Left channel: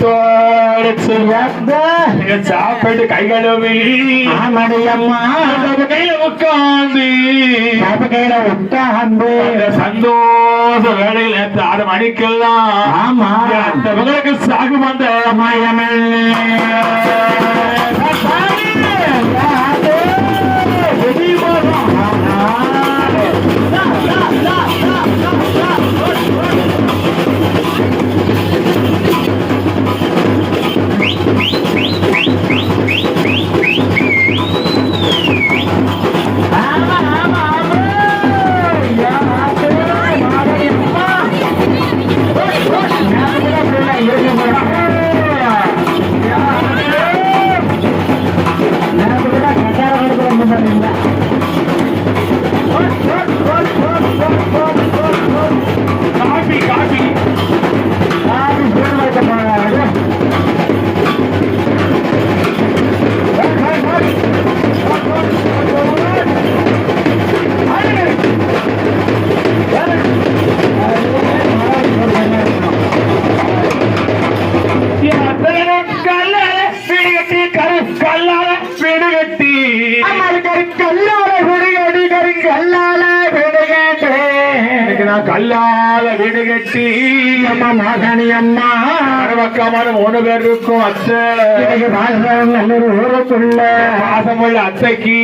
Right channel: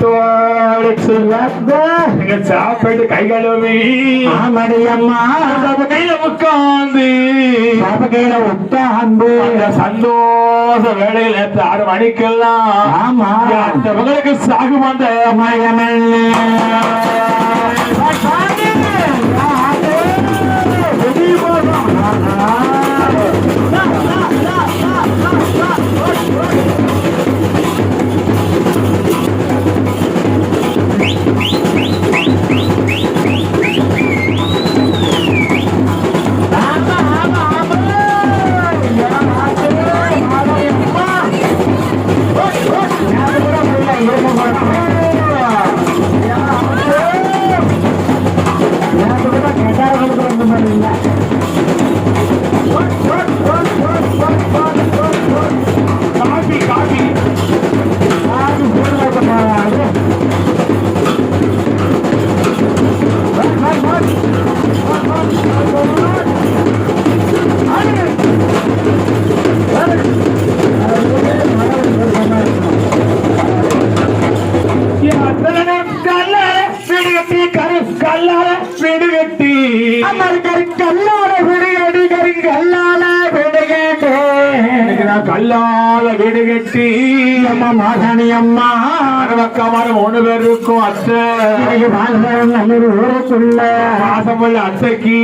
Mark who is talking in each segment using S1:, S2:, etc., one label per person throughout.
S1: தோடுச்சு
S2: அத்தை.
S1: நீங்க சாப்பிட்டு கை கழுவி. கையில உட்காந்து
S2: கையில உட்கார்ந்து.
S1: அந்த சந்தோஷ வேலையில ஆறு மணிக்கெல்லாம்
S2: ஆமா.
S1: அந்த மகளுக்கு சாகு வந்த காபி
S2: குடியடி கறி கல்லால விடுகேட்டே
S1: கல்லால வீடு கட்டி
S2: அம்மா மாசாணி அம்மா
S1: அறுபக்கமான மூணு பேர் இருக்கும் அத்தை
S2: ஊருக்குள்ள.
S1: பாசமுள்ள அத்தைக்கு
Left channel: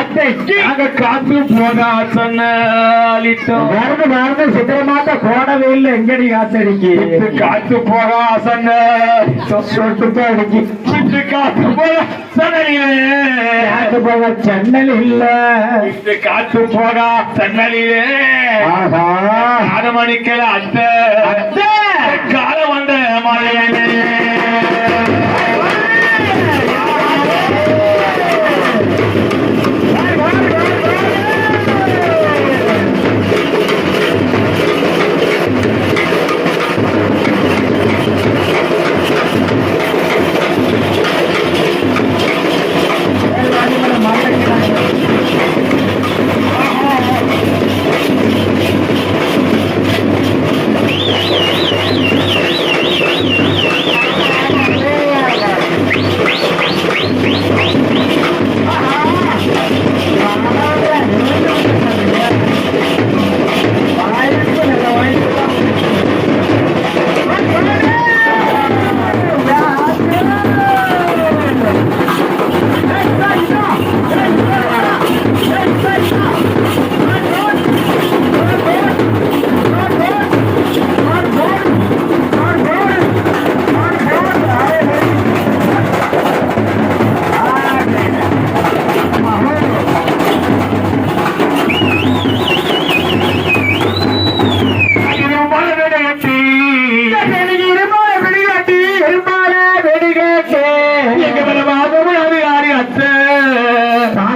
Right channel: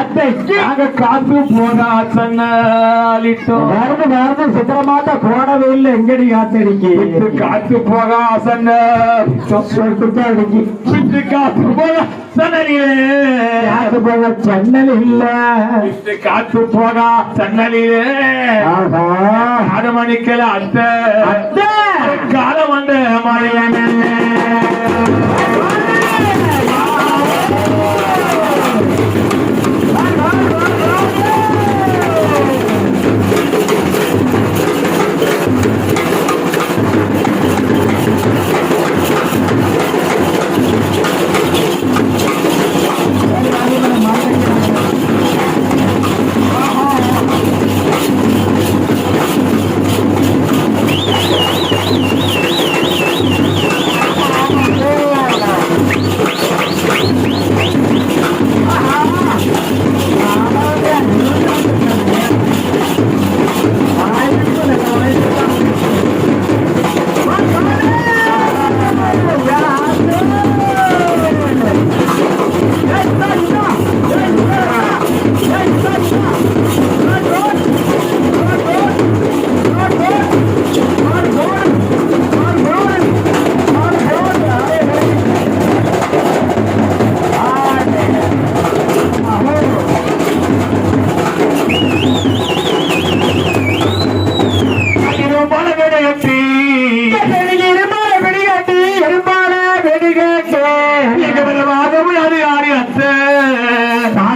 S2: அத்தைக்கு?
S1: நாங்க காத்து போனா சொன்னிட்டோம்
S2: வருது வருது சித்திரமாட்ட போடவே இல்லை. எங்கடி காத்தடிக்கு?
S1: காத்து போக சொன்ன
S2: சொட்டு அடிக்கு
S1: சிட்டு காத்து போக சன்னலிலே
S2: காத்து போக சன்னல் இல்ல.
S1: சிட்டு காத்து போக சன்னலிலே
S2: ஆஹா
S1: அத்தை.
S2: அத்தை.
S1: காலம் வந்த மலையனே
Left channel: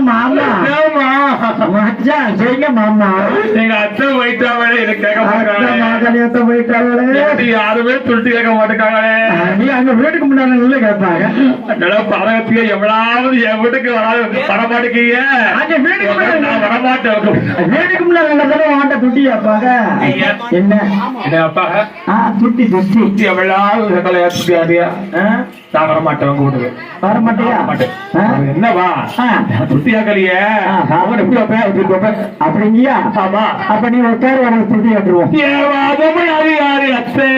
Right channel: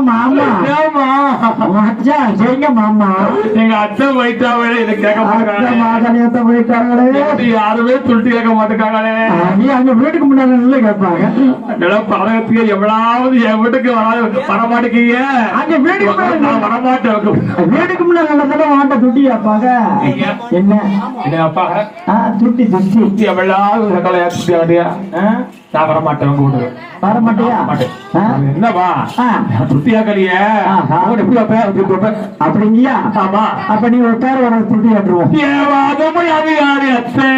S1: Mọi
S2: 忙 சரிங்க மாமா.
S1: எங்க அச்சன் வைத்தாவே எனக்கு கேட்க
S2: மாதனியத்தை போயிட்டாங்களே
S1: யாருமே துருட்டி கேட்க மாட்டேங்காங்களே
S2: நீ அங்க வீட்டுக்கு முன்னாடி நல்ல கேட்பாங்க.
S1: பரகத்திய எவ்வளவு என் வீட்டுக்கு வர வர மாட்டேங்க
S2: அங்க வீட்டுக்கு
S1: வரமாட்டேன்
S2: வீட்டுக்கு முன்னாடி துட்டி கேட்பாங்க. என்ன?
S1: என்ன அப்பா
S2: ஆ துட்டி துட்டி
S1: சுத்தி எவ்வளவு சக்கலை ஏற்றி ஆடியா? நான் வர மாட்டேன் உங்க வீட்டுக்கு.
S2: வர மாட்டியா?
S1: மாட்டேன்? என்னவா?
S2: ஆ.
S1: துருட்டி கேட்கலையே
S2: ஆஹா.
S1: எப்படி எப்படி வைப்பேன்?
S2: அப்படிங்கயா
S1: ஆமா.
S2: அப்ப நீ உட்காரு உனக்கு துட்டி கட்டுருவோம்.
S1: என் வாதமும் அதிகாரி அத்தை.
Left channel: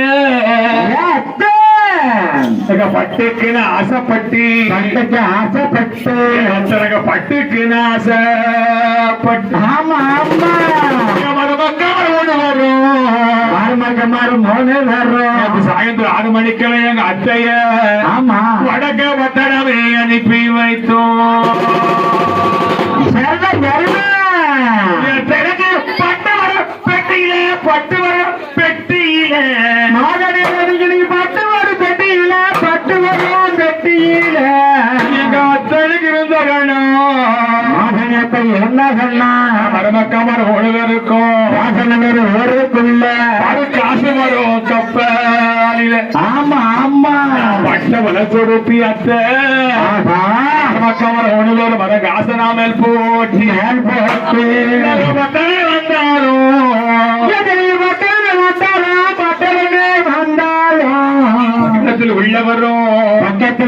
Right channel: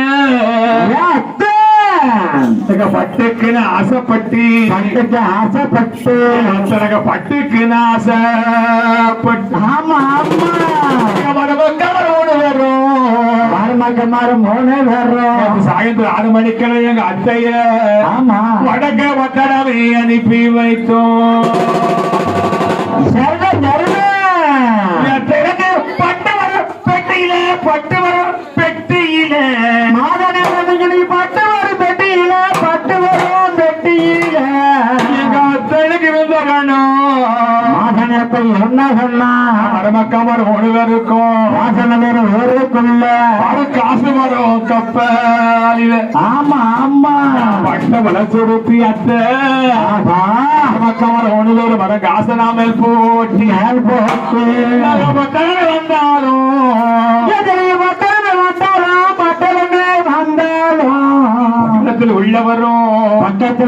S2: அத்தை.
S1: பட்டுக்குன்னு ஆசைப்பட்டு.
S2: பட்டுக்கு ஆசைப்பட்டு.
S1: எனக்கு பட்டுக்குன்னு ஆசைப்பட்டு.
S2: ஆமா ஆமா.
S1: சாயந்தரம் ஆறு மணிக்கெல்லாம் எங்க அத்தைய
S2: ஆமா.
S1: வடக்க வட்டடமே அனுப்பி வைத்தோம். பெட்டியில. பட்டு வரும் பெட்டியில
S2: மாதனே நீ பட்டு வரும் பெட்டியில. பட்டு வரும் பெட்டியில என்ன சொன்னா?
S1: மருமக்கமர் ஒழுகருக்கும்
S2: வாசனகர் ஊருக்குள்ள
S1: அது காசு வரும் கப்பாலில.
S2: ஆமா ஆமா.
S1: பட்ட வளர்ச்சி அத்தை. மருமக்கமர் ஒழுகர் வர காசு நாமல் போட்டி வந்தாலும்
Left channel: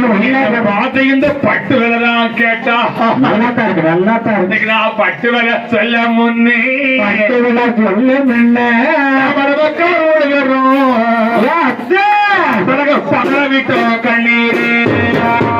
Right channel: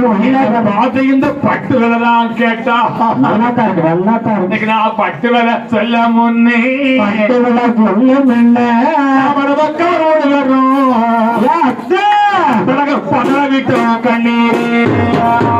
S1: இந்த பட்டு விலைதான் கேட்டா.
S2: நல்லா தான் இருக்கு நல்லா தான் இருக்கு
S1: நான் பட்டு விலை சொல்ல முன்னே.
S2: பட்டு
S1: விட்டு கண்ணீர்.